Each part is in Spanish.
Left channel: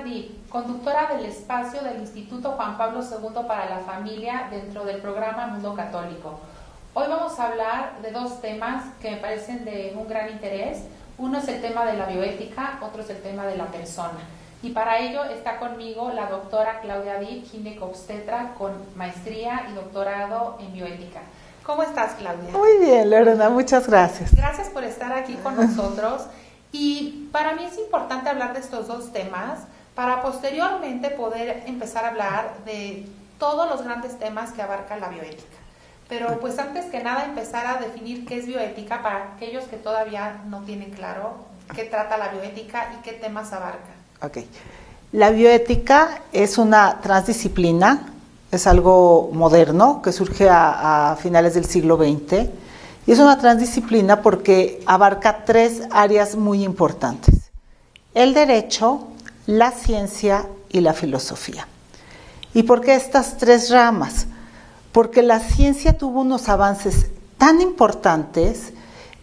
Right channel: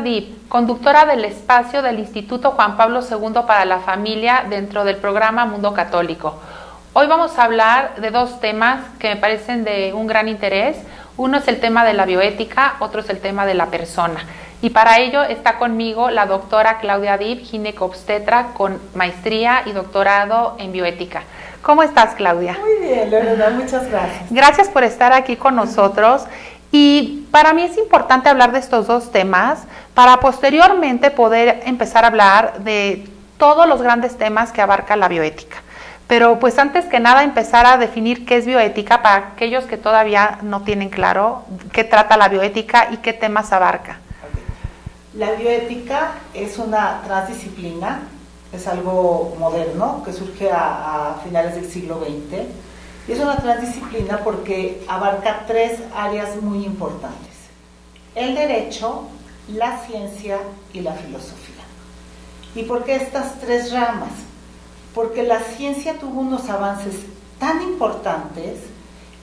Dib, conductora del espacio del Instituto Juan Pablo II para la Familia dentro del programa Mundo Católico. Hoy vamos a hablar de dos temas que me parecen de un gran interés. Uno es el tema de la bioética, otro es el tema de la persona. Y para ello está conmigo la doctora Claudia Dib, ginecobstetra con maestría y doctorado en bioética. ¿Cómo estás, Claudia? Muy bien, Lorena, muchas gracias. Gracias por estar aquí con nosotros. Y para mí es importante hablar de estos dos temas para posteriormente poder empezar a hablar de todos los grandes temas que abarca la bioética. Pero pues antes que nada empezar a definir qué es bioética para aquellos que todavía no tienen claro qué trata la bioética y qué temas abarca. Okay. La bioética es una transdisciplina, es algo moderno que surge a finales del siglo XX. Y es una transdisciplina porque abarca tres áreas muy importantes: el derecho, la ciencia y la filosofía. ¿Y por qué estas tres ramas? Porque la ciencia tuvo unos avances tan importantes,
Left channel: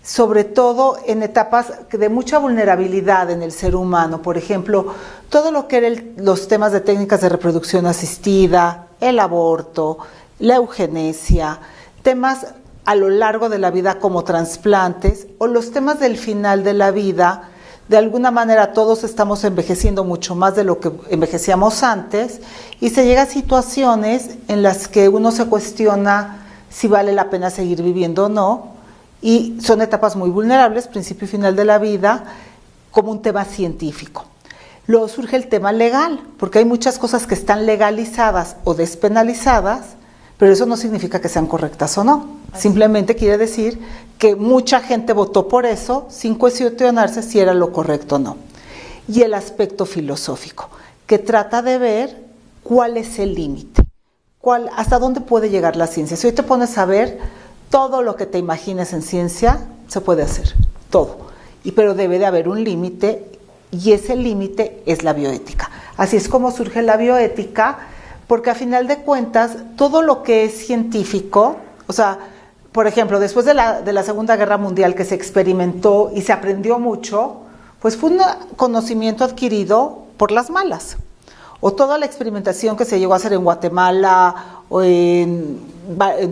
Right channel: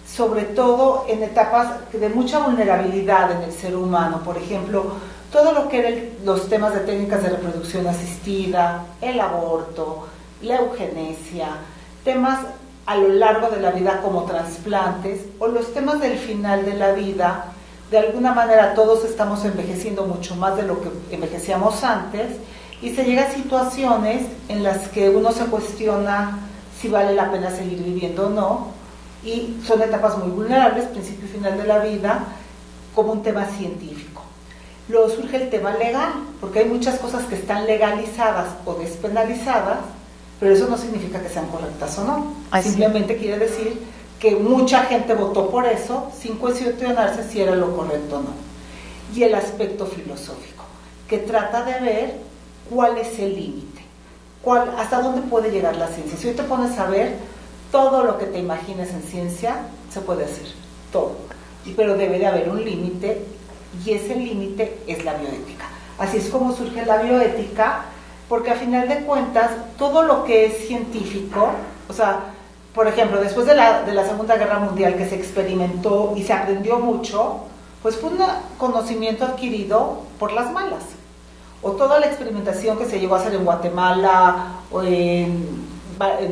sobre todo en etapas de mucha vulnerabilidad en el ser humano. Por ejemplo, todo lo que eran los temas de técnicas de reproducción asistida, el aborto, la eugenesia, temas a lo largo de la vida como trasplantes o los temas del final de la vida. De alguna manera todos estamos envejeciendo mucho más de lo que envejecíamos antes y se llega a situaciones en las que uno se cuestiona si vale la pena seguir viviendo o no, y son etapas muy vulnerables, principio y final de la vida, como un tema científico. Luego surge el tema legal, porque hay muchas cosas que están legalizadas o despenalizadas, pero eso no significa que sean correctas o no. Simplemente quiere decir que mucha gente votó por eso sin cuestionarse si era lo correcto o no. Y el aspecto filosófico, que trata de ver cuál es el límite, hasta dónde puede llegar la ciencia. Si hoy te pones a ver, todo lo que te imagines en ciencia se puede hacer, todo. Pero debe de haber un límite, y ese límite es la bioética. Así es como surge la bioética, porque a final de cuentas, todo lo que es científico, o sea, por ejemplo, después de la Segunda Guerra Mundial, que se experimentó y se aprendió mucho, pues fue un conocimiento adquirido por las malas. O toda la experimentación que se llegó a hacer en Guatemala, o en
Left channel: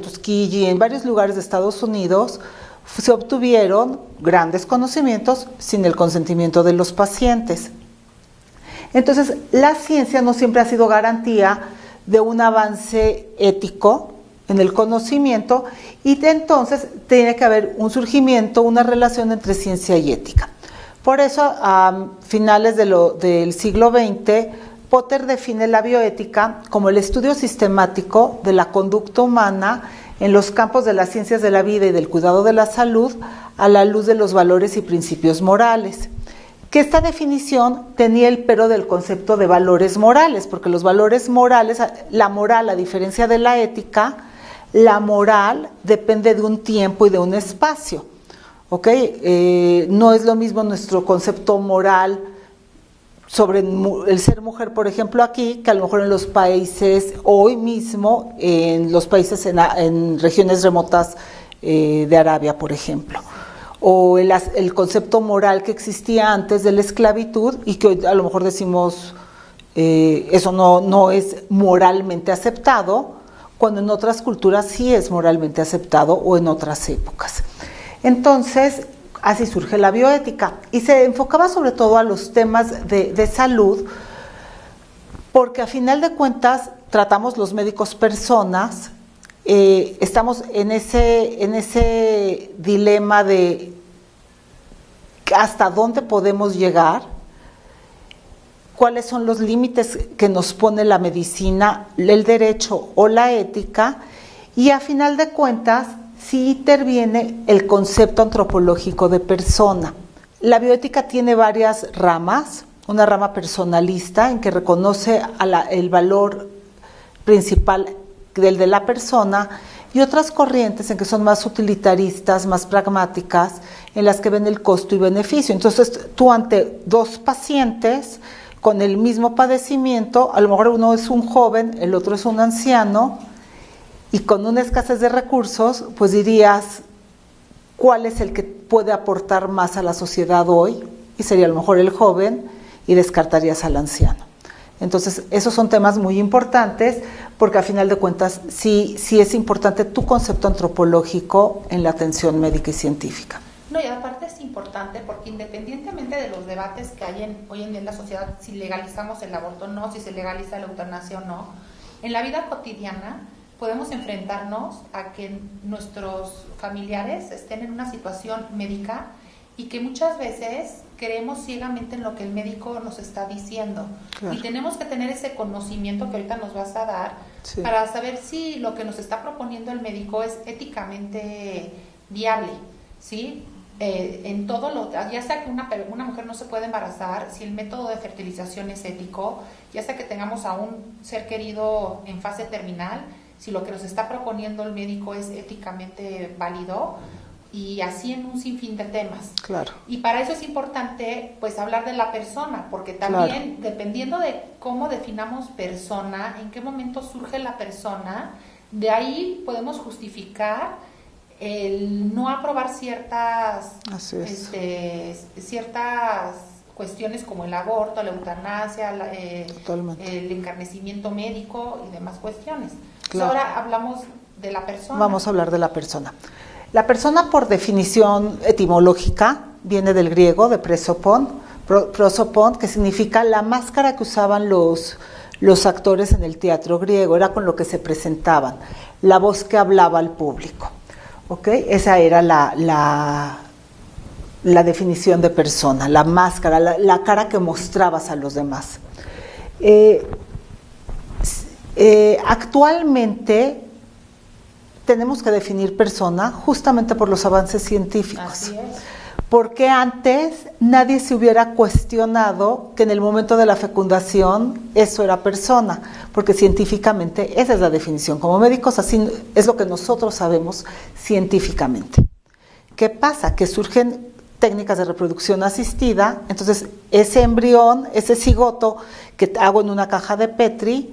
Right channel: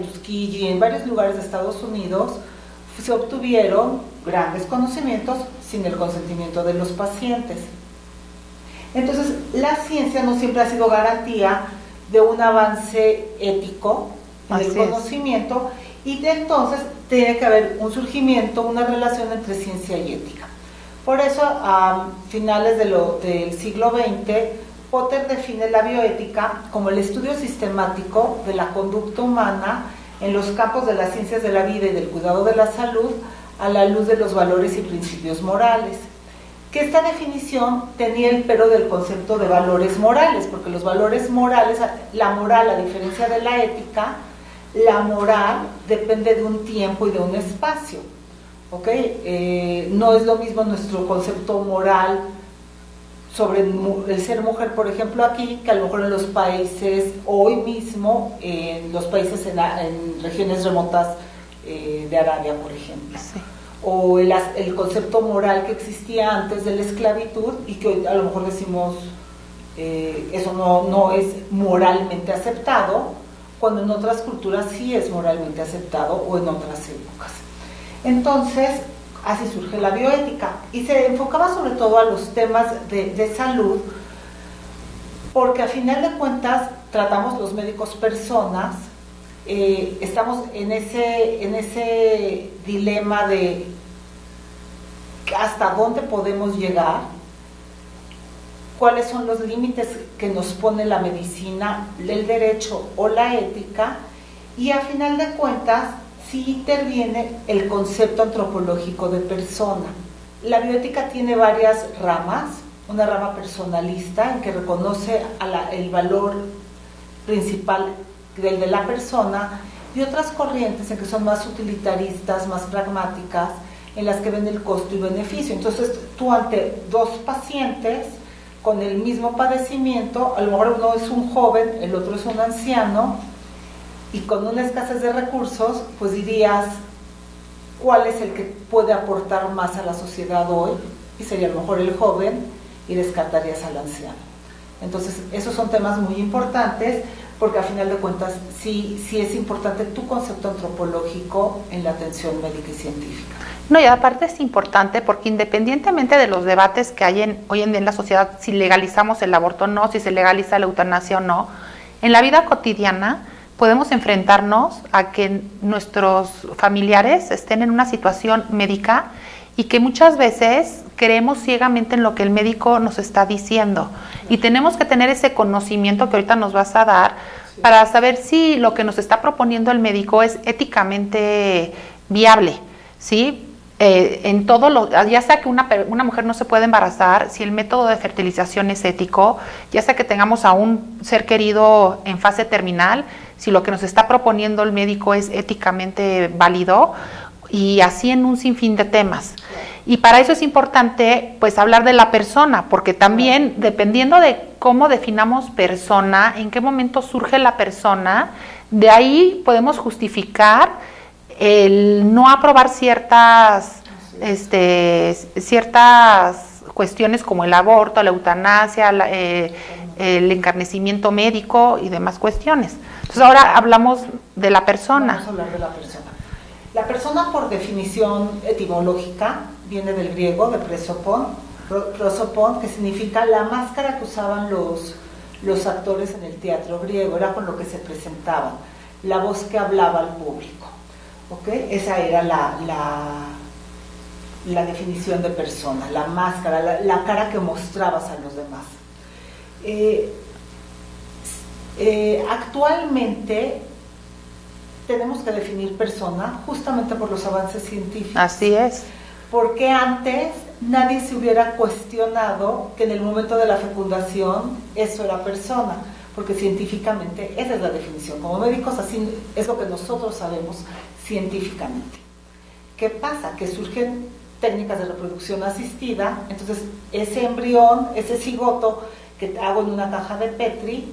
Tuskegee, en varios lugares de Estados Unidos, se obtuvieron grandes conocimientos sin el consentimiento de los pacientes. Entonces, la ciencia no siempre ha sido garantía de un avance ético en el conocimiento, y entonces tiene que haber un surgimiento, una relación entre ciencia y ética. Por eso, a finales del siglo XX, Potter define la bioética como el estudio sistemático de la conducta humana en los campos de las ciencias de la vida y del cuidado de la salud a la luz de los valores y principios morales. Que esta definición tenía el pero del concepto de valores morales, porque los valores morales, la moral, a diferencia de la ética, la moral depende de un tiempo y de un espacio, ¿ok? No es lo mismo nuestro concepto moral sobre el ser mujer, por ejemplo, aquí, que a lo mejor en los países, hoy mismo, en los países en regiones remotas de Arabia, por ejemplo. Sí. O el concepto moral que existía antes de la esclavitud y que hoy a lo mejor decimos eso no es moralmente aceptado, cuando en otras culturas sí es moralmente aceptado, o en otras épocas. Entonces, así surge la bioética, y se enfocaba sobre todo a los temas de salud, porque a final de cuentas tratamos los médicos personas. Estamos en ese dilema de hasta dónde podemos llegar, cuáles son los límites que nos pone la medicina, el derecho o la ética, y a final de cuentas sí interviene el concepto antropológico de persona. La bioética tiene varias ramas: una rama personalista, en que reconoce el valor principal del de la persona, y otras corrientes en que son más utilitaristas, más pragmáticas, en las que ven el costo y beneficio. Entonces, tú ante dos pacientes con el mismo padecimiento, a lo mejor uno es un joven, el otro es un anciano, y con una escasez de recursos, pues dirías, ¿cuál es el que puede aportar más a la sociedad hoy? Y sería a lo mejor el joven, y descartarías al anciano. Entonces, esos son temas muy importantes porque a final de cuentas sí es importante tu concepto antropológico en la atención médica y científica. No, y aparte es importante porque independientemente de los debates que hay hoy en día en la sociedad, si legalizamos el aborto o no, si se legaliza la eutanasia o no, en la vida cotidiana podemos enfrentarnos a que nuestros familiares estén en una situación médica y que muchas veces creemos ciegamente en lo que el médico nos está diciendo. Claro. Y tenemos que tener ese conocimiento que ahorita nos vas a dar para saber si lo que nos está proponiendo el médico es éticamente viable, ¿sí? En todo ya sea que una mujer no se puede embarazar, si el método de fertilización es ético, ya sea que tengamos a un ser querido en fase terminal, si lo que nos está proponiendo el médico es éticamente válido, y así en un sinfín de temas. Claro. Y para eso es importante pues hablar de la persona, porque también claro, dependiendo de cómo definamos persona, en qué momento surge la persona, de ahí podemos justificar el no aprobar ciertas cuestiones como el aborto, la eutanasia, el encarnecimiento médico y demás cuestiones. Entonces claro, ahora hablamos de la persona. Vamos a hablar de la persona. La persona, por definición etimológica, viene del griego, de prosopon, que significa la máscara que usaban los actores en el teatro griego, era con lo que se presentaban, la voz que hablaba al público. ¿Okay? Esa era la definición de persona, la máscara, la cara que mostrabas a los demás. Actualmente tenemos que definir persona justamente por los avances científicos. Así es. Porque antes nadie se hubiera cuestionado que en el momento de la fecundación eso era persona, porque científicamente esa es la definición. Como médicos así es lo que nosotros sabemos científicamente. ¿Qué pasa? Que surgen técnicas de reproducción asistida, entonces ese embrión, ese cigoto que hago en una caja de Petri,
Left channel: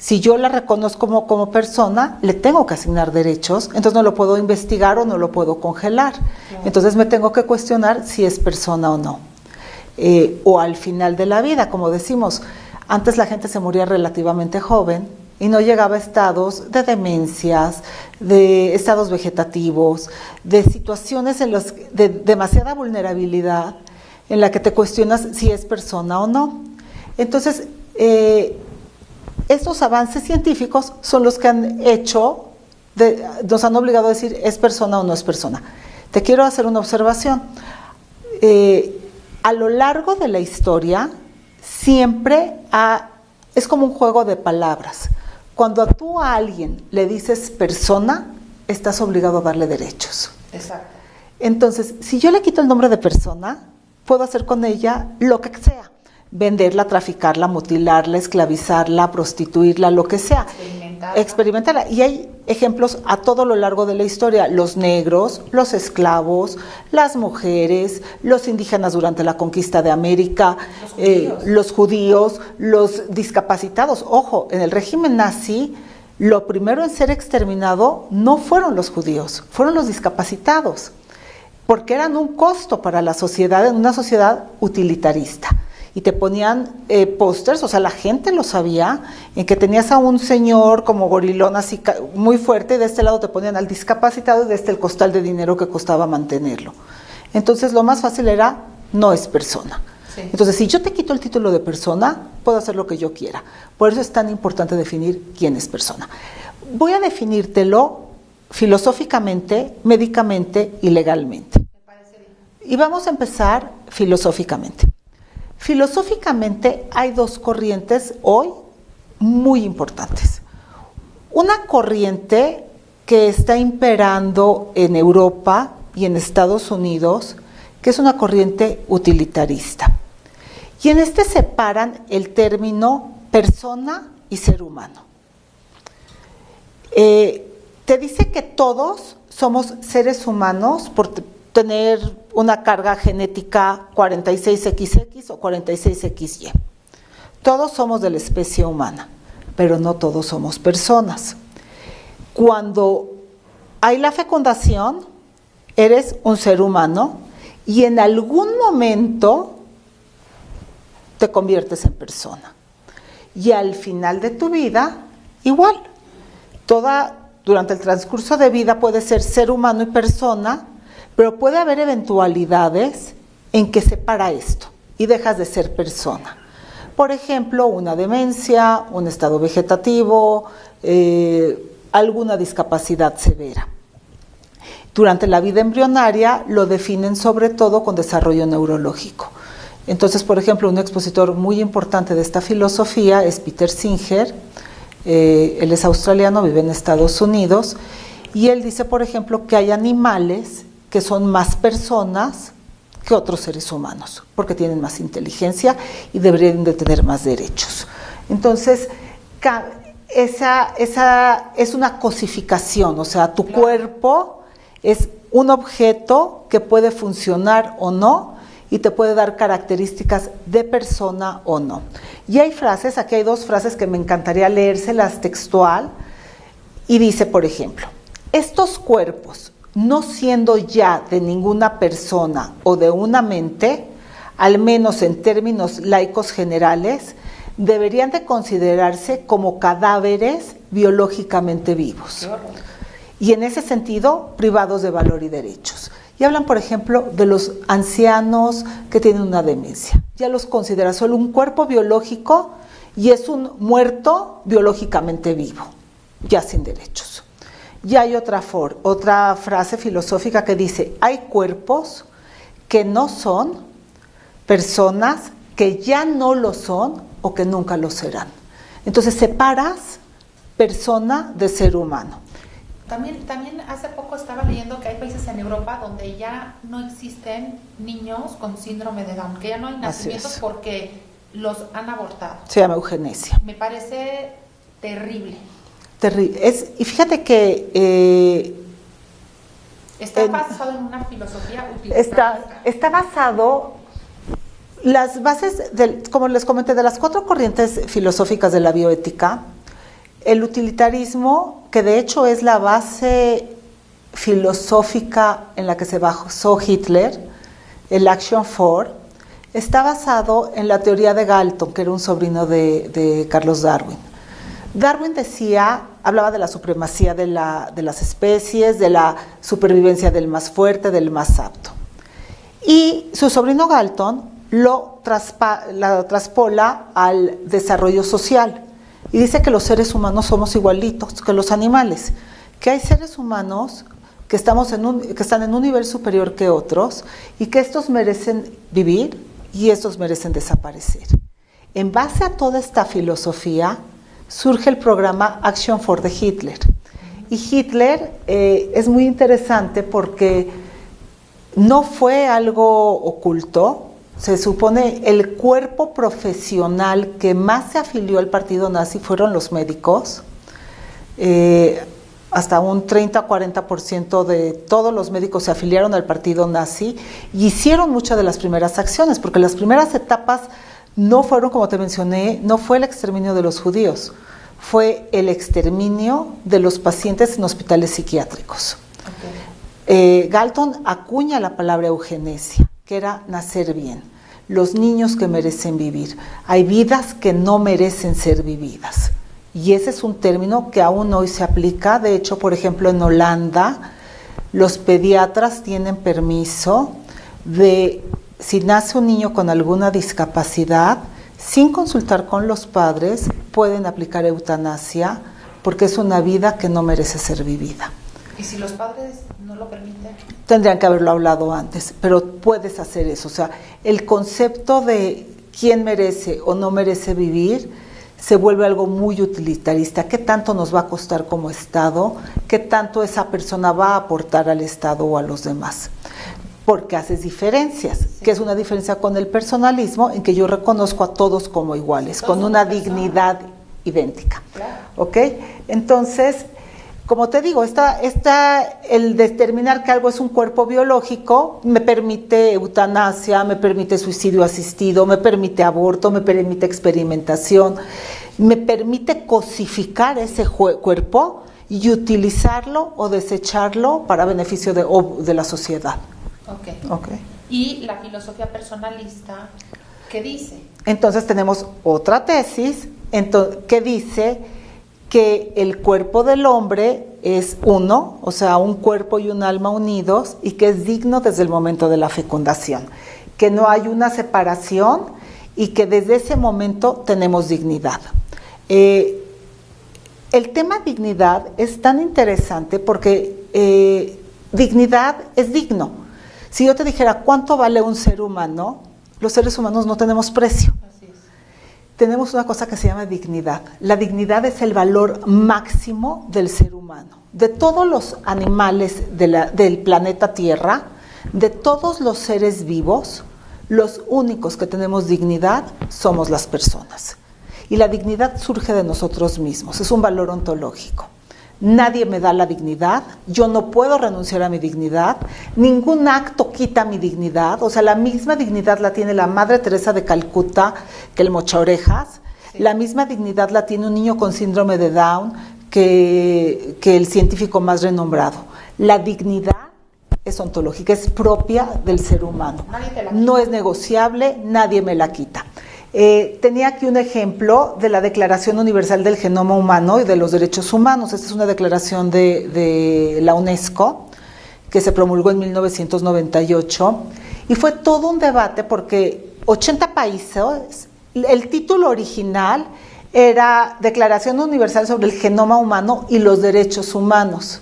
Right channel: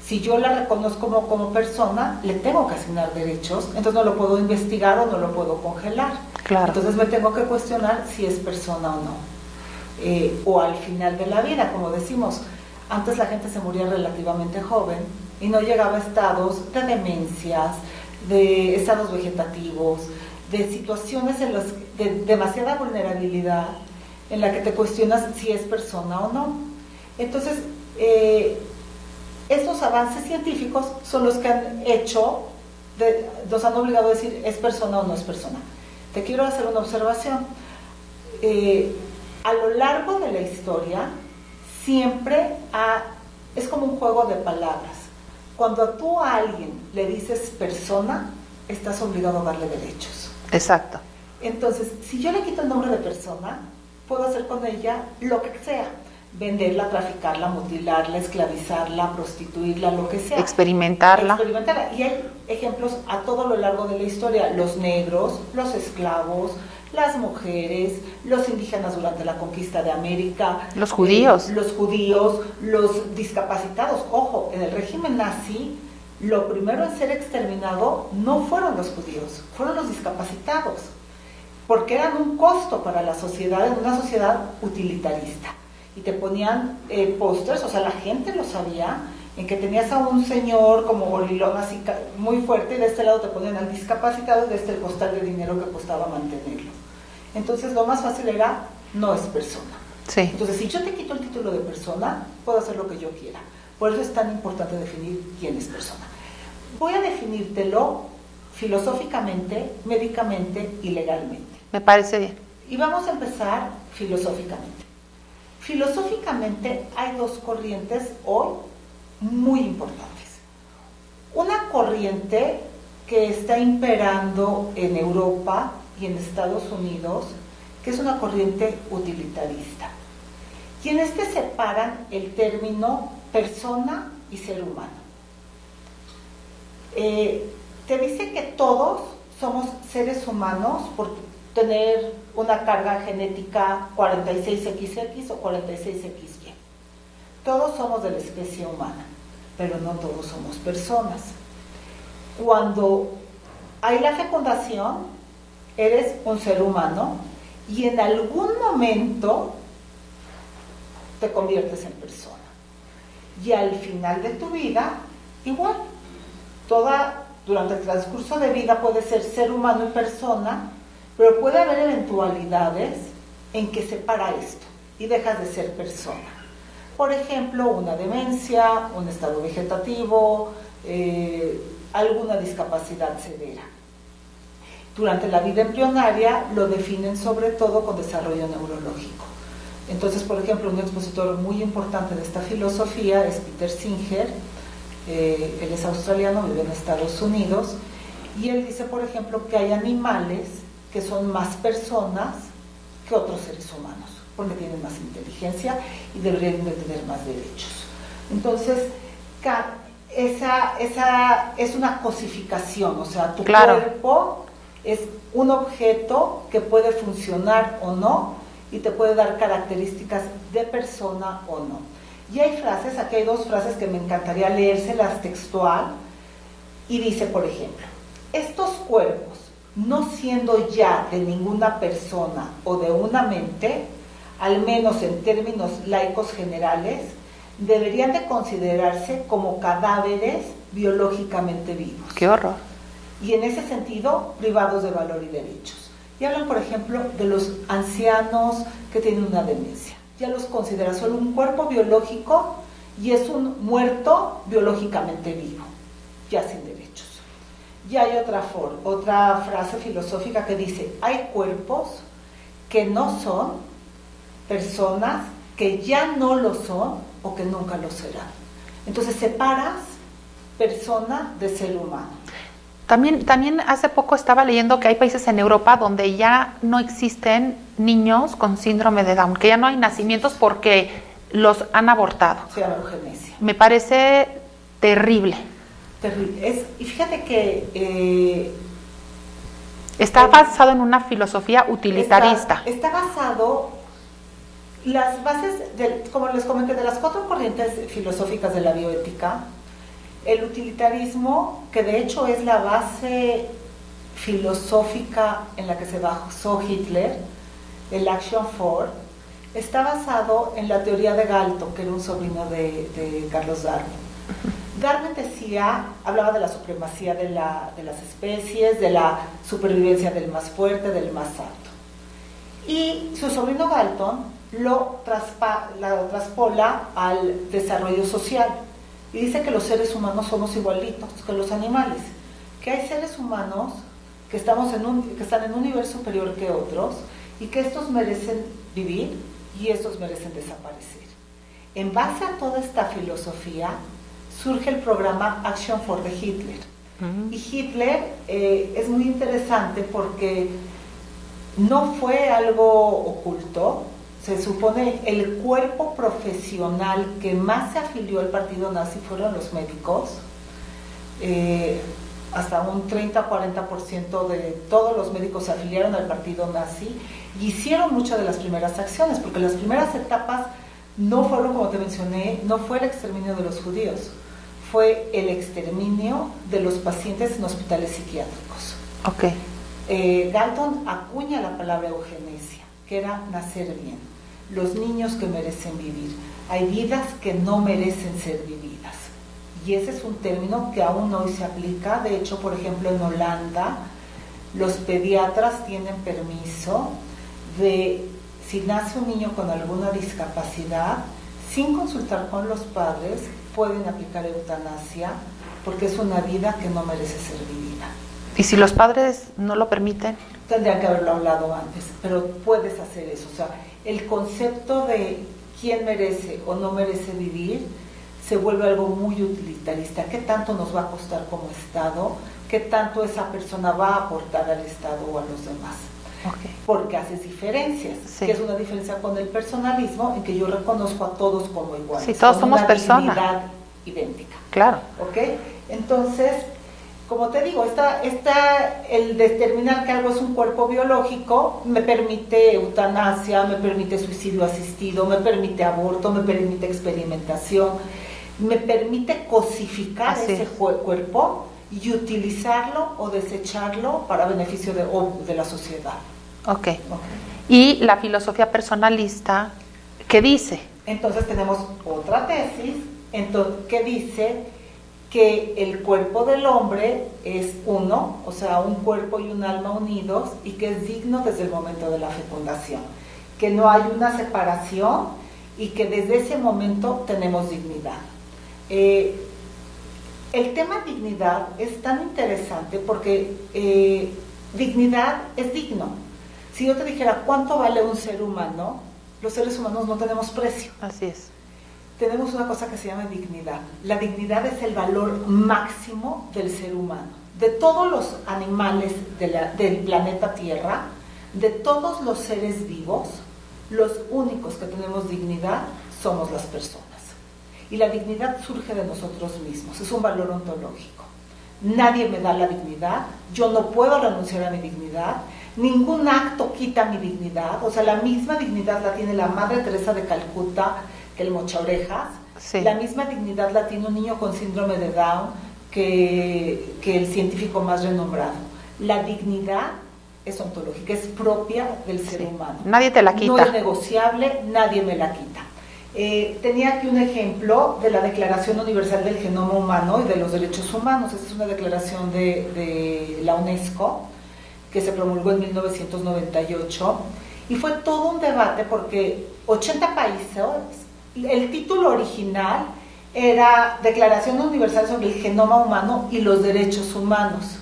si yo la reconozco como persona, le tengo que asignar derechos, entonces no lo puedo investigar o no lo puedo congelar. Claro. Entonces me tengo que cuestionar si es persona o no. O al final de la vida, como decimos, antes la gente se moría relativamente joven y no llegaba a estados de demencias, de estados vegetativos, de situaciones de demasiada vulnerabilidad en la que te cuestionas si es persona o no. Entonces, estos avances científicos son los que han hecho, nos han obligado a decir es persona o no es persona. Te quiero hacer una observación. A lo largo de la historia, siempre es como un juego de palabras. Cuando tú a alguien le dices persona, estás obligado a darle derechos. Exacto. Entonces, si yo le quito el nombre de persona, puedo hacer con ella lo que sea. Venderla, traficarla, mutilarla, esclavizarla, prostituirla, lo que sea. Experimentarla. Y hay ejemplos a todo lo largo de la historia. Los negros, los esclavos, las mujeres, los indígenas durante la conquista de América. Los judíos. Los discapacitados. Ojo, en el régimen nazi, lo primero en ser exterminado no fueron los judíos, fueron los discapacitados. Porque eran un costo para la sociedad, en una sociedad utilitarista. Y te ponían pósters, o sea, la gente lo sabía, en que tenías a un señor como gorilón así muy fuerte, y de este lado te ponían al discapacitado y de este el costal de dinero que costaba mantenerlo. Entonces lo más fácil era, no es persona. Sí. Entonces si yo te quito el título de persona, puedo hacer lo que yo quiera. Por eso es tan importante definir quién es persona. Voy a definírtelo filosóficamente, médicamente y legalmente. Me parece bien. Y vamos a empezar filosóficamente. Filosóficamente hay dos corrientes hoy muy importantes. Una corriente que está imperando en Europa y en Estados Unidos, que es una corriente utilitarista. Y en este separan el término persona y ser humano. Te dice que todos somos seres humanos por tener una carga genética 46XX o 46XY. Todos somos de la especie humana, pero no todos somos personas. Cuando hay la fecundación, eres un ser humano y en algún momento te conviertes en persona. y al final de tu vida igual. Durante el transcurso de vida puede ser humano y persona, pero puede haber eventualidades en que separa esto y dejas de ser persona. Por ejemplo, una demencia, un estado vegetativo, alguna discapacidad severa. Durante la vida embrionaria lo definen sobre todo con desarrollo neurológico. Entonces, por ejemplo, un expositor muy importante de esta filosofía es Peter Singer. Él es australiano, vive en Estados Unidos, y él dice, por ejemplo, que hay animales que son más personas que otros seres humanos, porque tienen más inteligencia y deberían de tener más derechos. Entonces, esa es una cosificación, o sea, tu cuerpo es un objeto que puede funcionar o no y te puede dar características de persona o no. Y hay frases, aquí hay dos frases que me encantaría leérselas textual, y dice, por ejemplo, estos cuerpos, no siendo ya de ninguna persona o de una mente, al menos en términos laicos generales, deberían de considerarse como cadáveres biológicamente vivos. ¡Qué horror! Y en ese sentido, privados de valor y derechos. Y hablan, por ejemplo, de los ancianos que tienen una demencia. Ya los considera solo un cuerpo biológico y es un muerto biológicamente vivo, ya sin derechos. Y hay otra frase filosófica que dice, hay cuerpos que no son personas, que ya no lo son o que nunca lo serán. Entonces separas persona de ser humano. También hace poco estaba leyendo que hay países en Europa donde ya no existen niños con síndrome de Down, que ya no hay nacimientos porque los han abortado. Se llama eugenesia. Me parece terrible. Terrible. Y fíjate que... está basado en una filosofía utilitarista. Está basado... Las bases, como les comenté, de las 4 corrientes filosóficas de la bioética, el utilitarismo, que de hecho es la base filosófica en la que se basó Hitler, el Action for, está basado en la teoría de Galton, que era un sobrino de Carlos Darwin. Darwin hablaba de la supremacía de las especies, de la supervivencia del más fuerte, del más apto. Y su sobrino Galton lo traspola al desarrollo social. Y dice que los seres humanos somos igualitos que los animales, que hay seres humanos que están en un nivel superior que otros y que estos merecen vivir y estos merecen desaparecer. En base a toda esta filosofía surge el programa Action for de Hitler. Y Hitler es muy interesante porque no fue algo oculto. Se supone el cuerpo profesional que más se afilió al partido nazi fueron los médicos. Hasta un 30-40% de todos los médicos se afiliaron al partido nazi y hicieron muchas de las primeras acciones, porque las primeras etapas no fueron, como te mencioné, no fue el exterminio de los judíos, fue el exterminio de los pacientes en hospitales psiquiátricos. Galton acuña la palabra eugenesia, que era nacer bien, los niños que merecen vivir. Hay vidas que no merecen ser vividas. Y ese es un término que aún hoy se aplica. De hecho, por ejemplo, en Holanda, los pediatras tienen permiso de, si nace un niño con alguna discapacidad, sin consultar con los padres, pueden aplicar eutanasia, porque es una vida que no merece ser vivida. ¿Y si los padres no lo permiten? Tendrían que haberlo hablado antes, pero puedes hacer eso. O sea, el concepto de quién merece o no merece vivir se vuelve algo muy utilitarista. ¿Qué tanto nos va a costar como Estado? ¿Qué tanto esa persona va a aportar al Estado o a los demás? Porque haces diferencias, que es una diferencia con el personalismo, en que yo reconozco a todos como iguales, con una dignidad idéntica. Claro. Entonces, como te digo, el determinar que algo es un cuerpo biológico me permite eutanasia, me permite suicidio asistido, me permite aborto, me permite experimentación, me permite cosificar ese cuerpo y utilizarlo o desecharlo para beneficio de la sociedad. Y la filosofía personalista, ¿qué dice? Entonces tenemos otra tesis que dice que el cuerpo del hombre es uno, o sea, un cuerpo y un alma unidos, y que es digno desde el momento de la fecundación, que no hay una separación y que desde ese momento tenemos dignidad. El tema dignidad es tan interesante porque dignidad es digno. Si yo te dijera cuánto vale un ser humano, los seres humanos no tenemos precio. Así es. Tenemos una cosa que se llama dignidad. La dignidad es el valor máximo del ser humano. De todos los animales del planeta Tierra, de todos los seres vivos, los únicos que tenemos dignidad somos las personas. Y la dignidad surge de nosotros mismos, es un valor ontológico. Nadie me da la dignidad, yo no puedo renunciar a mi dignidad, ningún acto quita mi dignidad, o sea, la misma dignidad la tiene la Madre Teresa de Calcuta que el mochaorejas, sí. La misma dignidad la tiene un niño con síndrome de Down que el científico más renombrado. La dignidad es ontológica, es propia del ser humano. Nadie te la quita. No es negociable, nadie me la quita. Tenía aquí un ejemplo de la Declaración Universal del Genoma Humano y de los Derechos Humanos. Esta es una declaración de la UNESCO que se promulgó en 1998 y fue todo un debate porque 80 países, el título original era Declaración Universal sobre el Genoma Humano y los Derechos Humanos.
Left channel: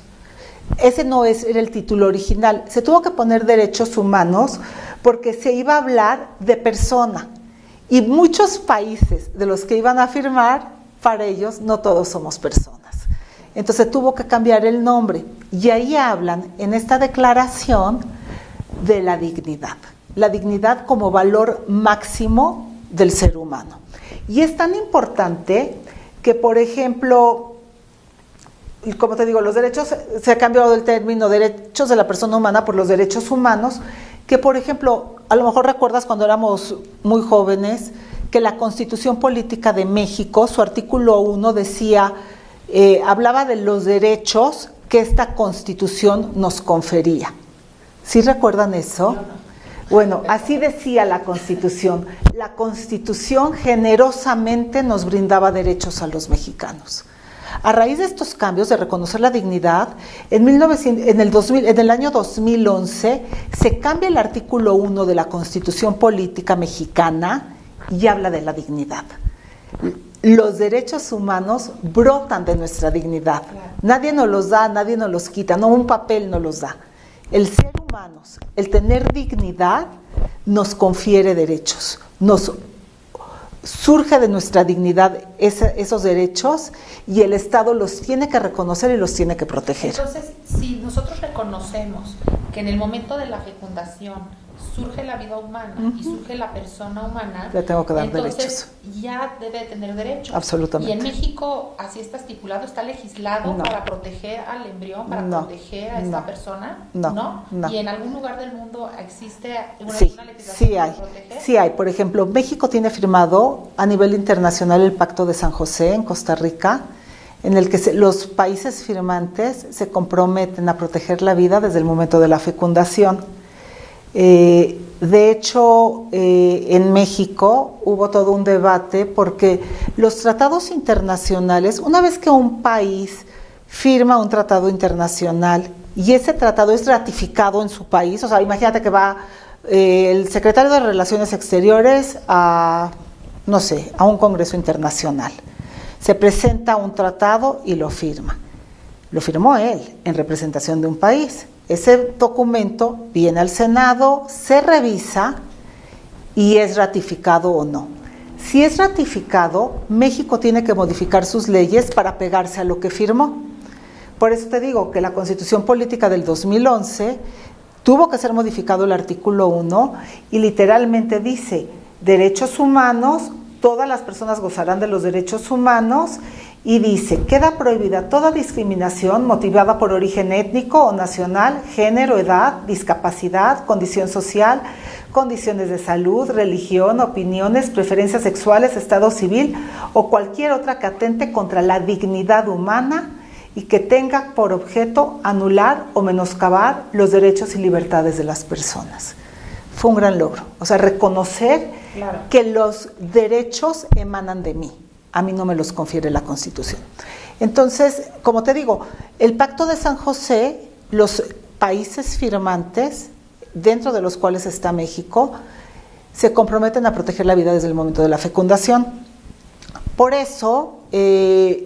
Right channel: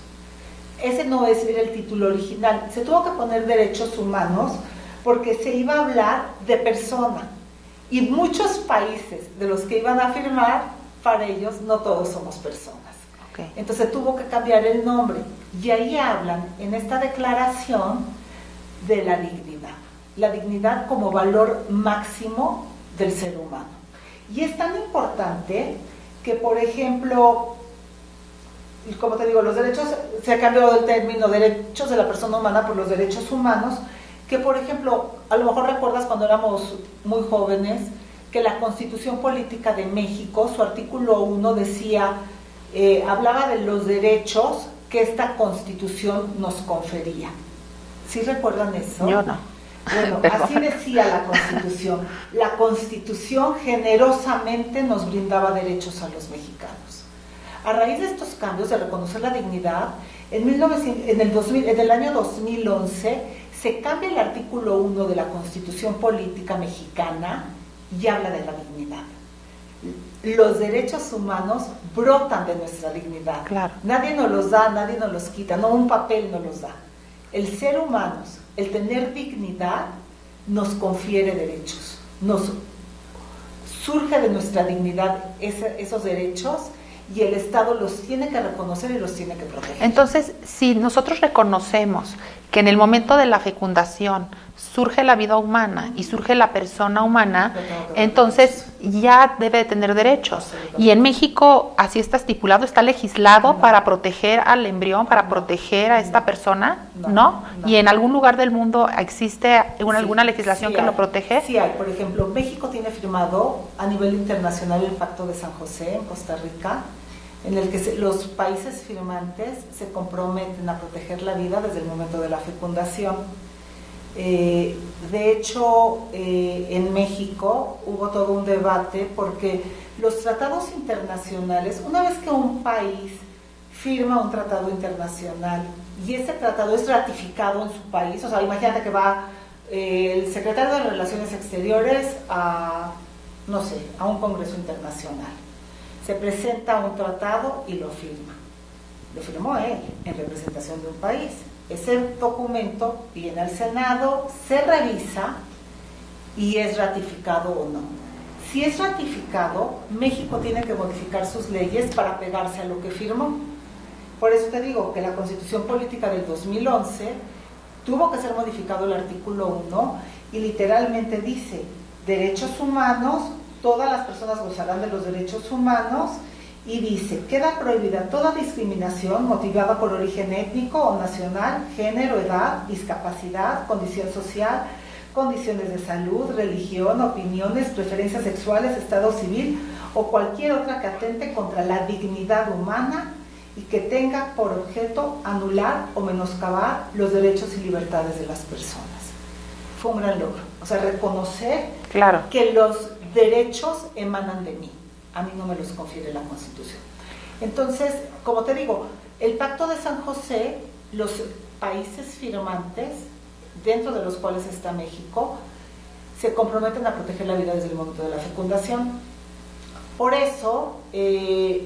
Ese no era el título original. Se tuvo que poner derechos humanos porque se iba a hablar de persona. Y muchos países de los que iban a firmar, para ellos no todos somos personas. Okay. Entonces tuvo que cambiar el nombre. Y ahí hablan en esta declaración de la dignidad como valor máximo del ser humano. Y es tan importante que, por ejemplo, como te digo, los derechos, se ha cambiado el término derechos de la persona humana por los derechos humanos, que por ejemplo, a lo mejor recuerdas cuando éramos muy jóvenes, que la Constitución Política de México, su artículo 1 decía, hablaba de los derechos que esta Constitución nos confería. ¿Sí recuerdan eso? Yo no. Bueno, así decía la Constitución. La Constitución generosamente nos brindaba derechos a los mexicanos. A raíz de estos cambios de reconocer la dignidad, en el año 2011 se cambia el artículo 1 de la Constitución Política Mexicana y habla de la dignidad. Los derechos humanos brotan de nuestra dignidad. Claro. Nadie nos los da, nadie nos los quita, no un papel nos los da. El ser humano, el tener dignidad, nos confiere derechos, surge de nuestra dignidad esos derechos y el Estado los tiene que reconocer y los tiene que proteger. Entonces, si nosotros reconocemos que en el momento de la fecundación surge la vida humana y surge la persona humana, entonces derechos. Ya debe de tener derechos. Absolutamente. Y en México así está estipulado, está legislado para proteger al embrión, para proteger a esta persona, ¿no? ¿Y en algún lugar del mundo existe alguna legislación que lo protege? Sí hay. Por ejemplo, México tiene firmado a nivel internacional el Pacto de San José en Costa Rica, en el que los países firmantes se comprometen a proteger la vida desde el momento de la fecundación. De hecho, en México hubo todo un debate porque los tratados internacionales, una vez que un país firma un tratado internacional y ese tratado es ratificado en su país, o sea, imagínate que va el secretario de Relaciones Exteriores a, no sé, a un congreso internacional. Se presenta un tratado y lo firma. Lo firmó él en representación de un país. Ese documento viene al Senado, se revisa y es ratificado o no. Si es ratificado, México tiene que modificar sus leyes para pegarse a lo que firmó. Por eso te digo que la Constitución Política del 2011 tuvo que ser modificado el artículo 1 y literalmente dice, derechos humanos, todas las personas gozarán de los derechos humanos. Y dice, queda prohibida toda discriminación motivada por origen étnico o nacional, género, edad, discapacidad, condición social, condiciones de salud, religión, opiniones, preferencias sexuales, estado civil o cualquier otra que atente contra la dignidad humana y que tenga por objeto anular o menoscabar los derechos y libertades de las personas. Fue un gran logro, o sea, reconocer que los derechos emanan de mí. a mí no me los confiere la Constitución. Entonces, como te digo, el Pacto de San José, los países firmantes, dentro de los cuales está México, se comprometen a proteger la vida desde el momento de la fecundación. Por eso, en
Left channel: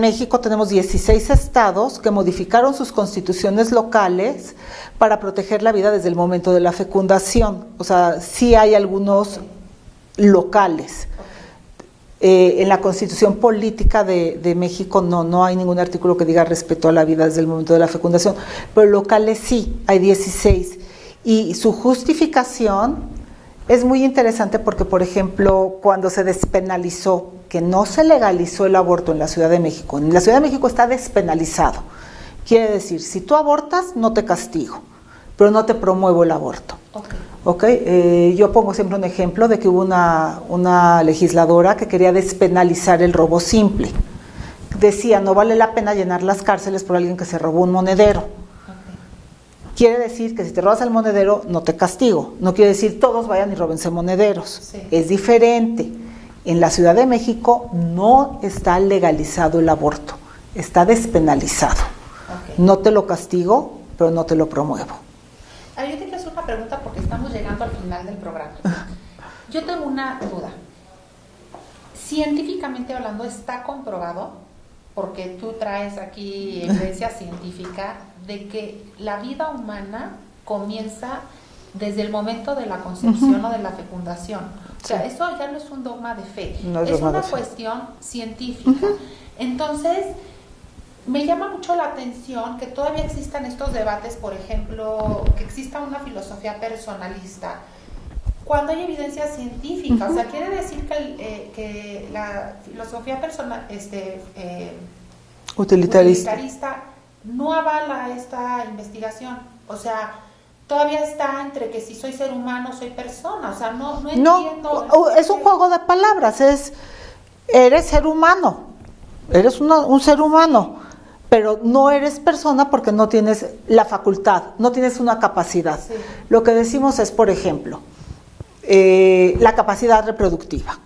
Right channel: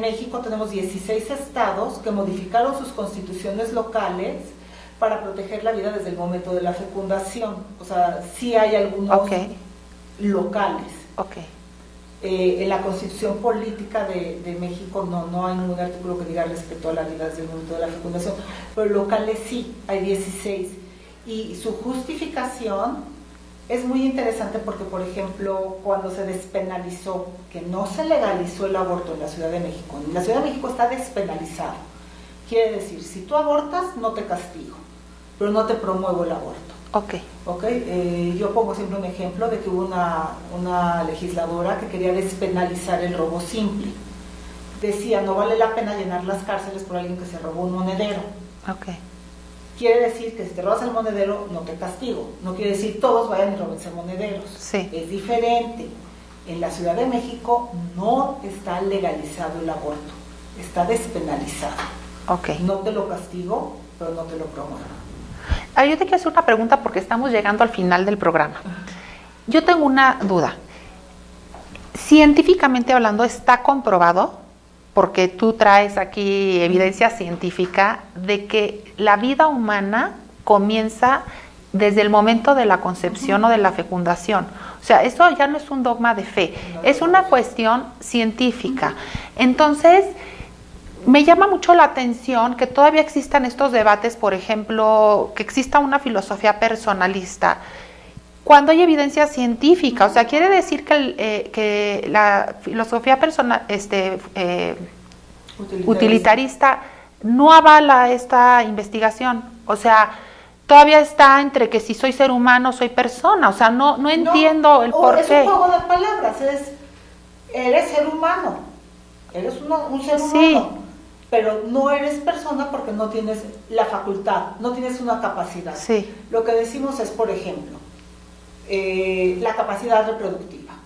México tenemos 16 estados que modificaron sus constituciones locales para proteger la vida desde el momento de la fecundación. O sea, sí hay algunos locales. En la Constitución Política de México no hay ningún artículo que diga respeto a la vida desde el momento de la fecundación, pero locales sí, hay 16. Y su justificación es muy interesante porque, por ejemplo, cuando se despenalizó, que no se legalizó el aborto en la Ciudad de México, en la Ciudad de México está despenalizado. Quiere decir, si tú abortas, no te castigo, pero no te promuevo el aborto. Yo pongo siempre un ejemplo de que hubo una legisladora que quería despenalizar el robo simple. Decía, no vale la pena llenar las cárceles por alguien que se robó un monedero. Quiere decir que si te robas el monedero, no te castigo. No quiere decir todos vayan y róbense monederos. Sí. Es diferente. En la Ciudad de México no está legalizado el aborto, está despenalizado. No te lo castigo, pero no te lo promuevo. Yo te quiero hacer una pregunta porque estamos llegando al final del programa. Yo tengo una duda. Científicamente hablando, ¿está comprobado, porque tú traes aquí evidencia científica, de que la vida humana comienza desde el momento de la concepción o de la fecundación? O sea, eso ya no es un dogma de fe, es una cuestión científica. Entonces, me llama mucho la atención que todavía existan estos debates, por ejemplo, que exista una filosofía personalista, cuando hay evidencia científica. O sea, quiere decir que la filosofía utilitarista no avala esta investigación. O sea, todavía está entre que si soy ser humano, soy persona. O sea, no entiendo el por qué. Es un juego de palabras, eres ser humano, eres un ser humano. Sí. Pero no eres persona porque no tienes la facultad, no tienes una capacidad. Sí. Lo que decimos es, por ejemplo, la capacidad reproductiva.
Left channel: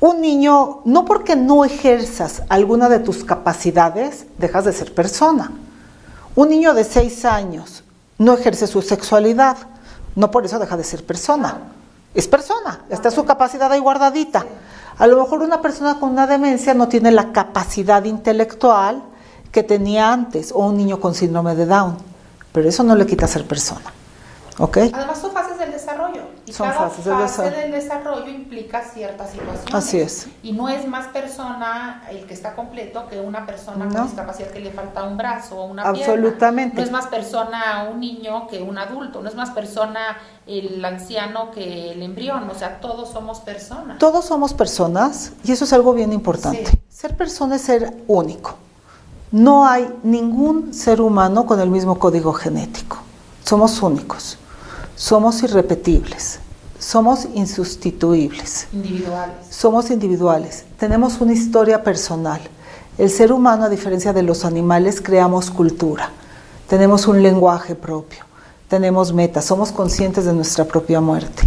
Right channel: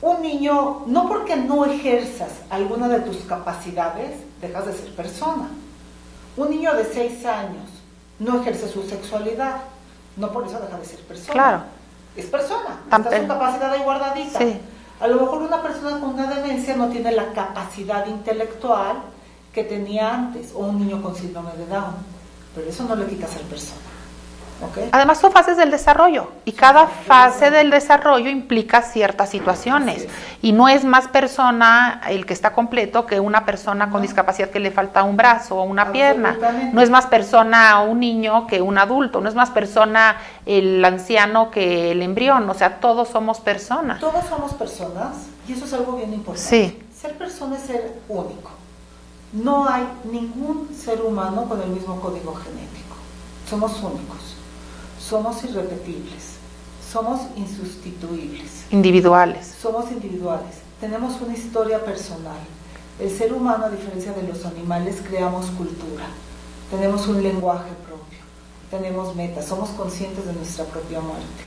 Un niño, no porque no ejerzas alguna de tus capacidades, dejas de ser persona. Un niño de 6 años no ejerce su sexualidad, no por eso deja de ser persona. Claro. Es persona, está su capacidad ahí guardadita. Sí. A lo mejor una persona con una demencia no tiene la capacidad intelectual que tenía antes, o un niño con síndrome de Down, pero eso no le quita ser persona. Además son fases del desarrollo y cada fase del desarrollo implica ciertas situaciones. Así es. Y no es más persona el que está completo que una persona con discapacidad que le falta un brazo o una pierna. No es más persona un niño que un adulto, no es más persona el anciano que el embrión. O sea, todos somos personas. Todos somos personas y eso es algo bien importante. Sí. Ser persona es ser único. No hay ningún ser humano con el mismo código genético. Somos únicos. Somos irrepetibles, somos insustituibles. Individuales. Somos individuales, tenemos una historia personal. El ser humano, a diferencia de los animales, creamos cultura, tenemos un lenguaje propio, tenemos metas, somos conscientes de nuestra propia muerte.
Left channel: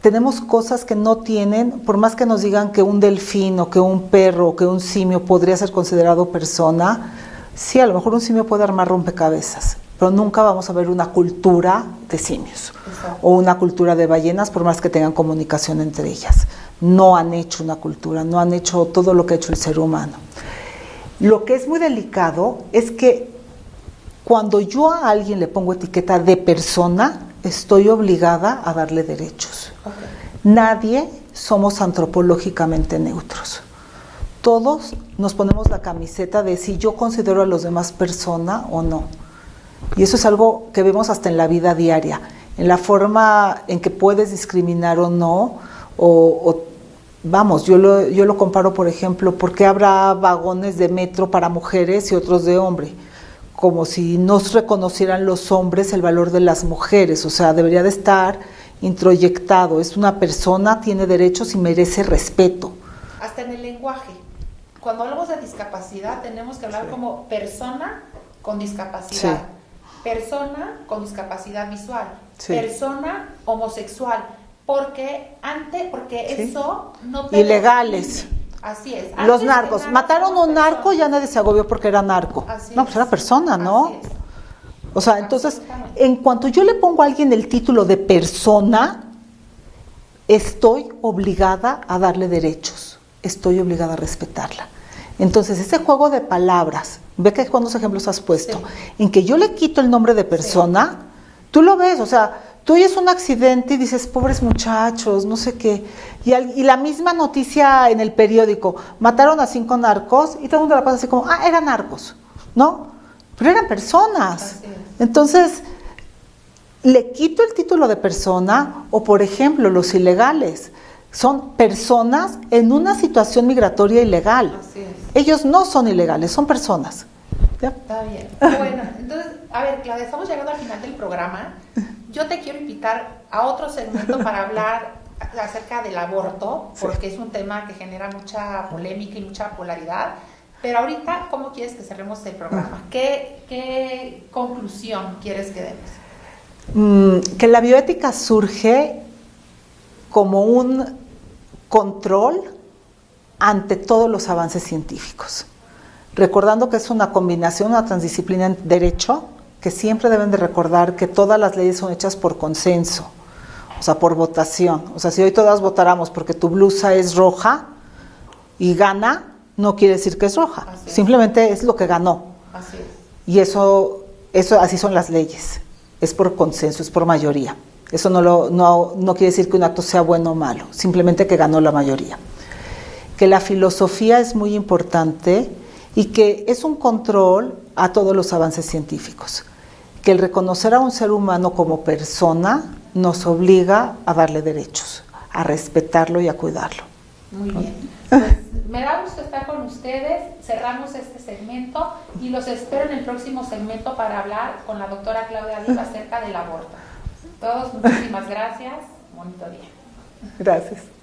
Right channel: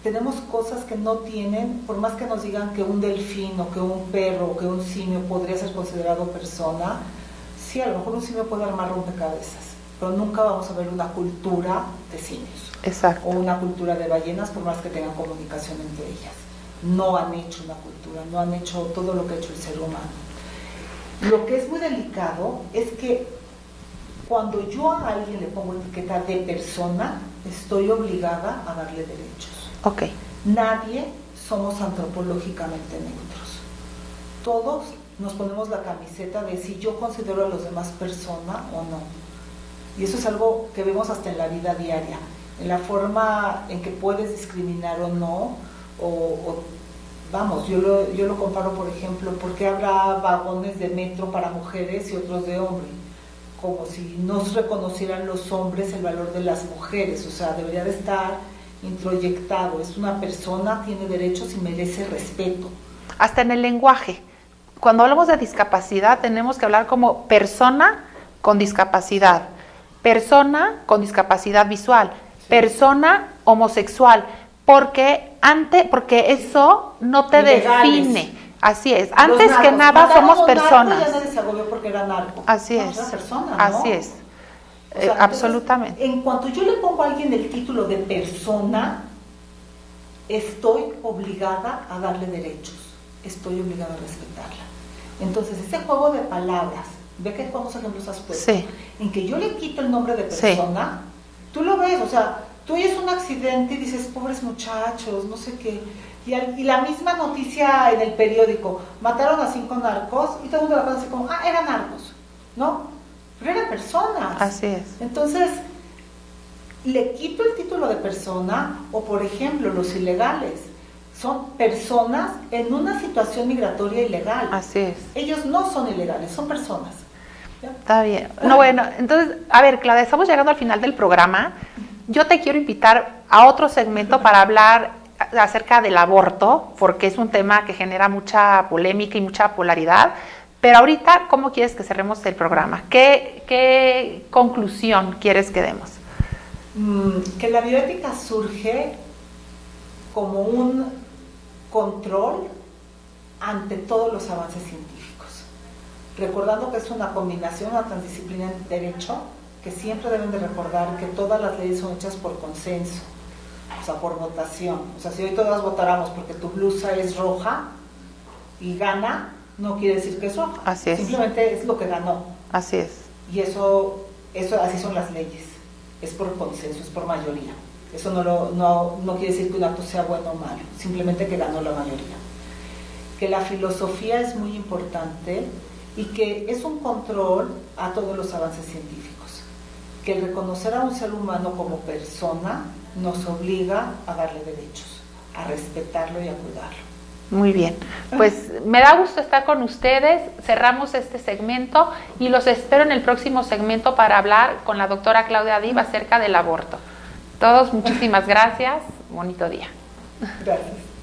Tenemos cosas que no tienen, por más que nos digan que un delfín o que un perro o que un simio podría ser considerado persona, sí, a lo mejor un simio puede armar rompecabezas, pero nunca vamos a ver una cultura de simios. Exacto. O una cultura de ballenas, por más que tengan comunicación entre ellas. No han hecho una cultura, no han hecho todo lo que ha hecho el ser humano. Lo que es muy delicado es que cuando yo a alguien le pongo etiqueta de persona, estoy obligada a darle derechos. Nadie somos antropológicamente neutros. Todos nos ponemos la camiseta de si yo considero a los demás persona o no. Y eso es algo que vemos hasta en la vida diaria, en la forma en que puedes discriminar o no, vamos, yo lo comparo, por ejemplo, ¿por qué habrá vagones de metro para mujeres y otros de hombre? Como si no reconocieran los hombres el valor de las mujeres, o sea, debería de estar introyectado, es una persona, tiene derechos y merece respeto. Hasta en el lenguaje, cuando hablamos de discapacidad tenemos que hablar como persona con discapacidad. Sí. Persona con discapacidad visual, persona homosexual, porque eso no te define. Así es. Antes que nada somos personas. Narco, ya nadie se agobió porque era narco. Así es. Pues era persona, ¿no? Así es. O sea, entonces, absolutamente. En cuanto yo le pongo a alguien el título de persona, estoy obligada a darle derechos. Estoy obligada a respetarla. Entonces, ese juego de palabras, ve que cuántos ejemplos has puesto, sí, en que yo le quito el nombre de persona, sí, tú lo ves, o sea, tú oyes un accidente y dices, pobres muchachos, no sé qué, y la misma noticia en el periódico, mataron a 5 narcos, y todo el mundo la pone así como, eran narcos, ¿no? Pero eran personas. Así es. Entonces, le quito el título de persona, o por ejemplo, los ilegales, son personas en una situación migratoria ilegal. Así es. Ellos no son ilegales, son personas. ¿Ya? Está bien. Bueno, entonces, a ver, Claudia, estamos llegando al final del programa. Yo te quiero invitar a otro segmento para hablar acerca del aborto, porque es un tema que genera mucha polémica y mucha polaridad. Pero ahorita, ¿cómo quieres que cerremos el programa? ¿Qué conclusión quieres que demos? Que la bioética surge como un control ante todos los avances científicos. Recordando que es una combinación, una transdisciplina en derecho, que siempre deben de recordar que todas las leyes son hechas por consenso, o sea, por votación. O sea, si hoy todas votáramos porque tu blusa es roja y gana, no quiere decir que es roja. Así es. Simplemente es lo que ganó. Así es. Y eso así son las leyes. Es por consenso, es por mayoría. Eso no quiere decir que un acto sea bueno o malo, simplemente que ganó la mayoría. Que la filosofía es muy importante y que es un control a todos los avances científicos. Que el reconocer a un ser humano como persona nos obliga a darle derechos, a respetarlo y a cuidarlo. Muy bien, pues me da gusto estar con ustedes, cerramos este segmento y los espero en el próximo segmento para hablar con la doctora Claudia Div acerca del aborto. Todos, muchísimas gracias, bonito día. Gracias.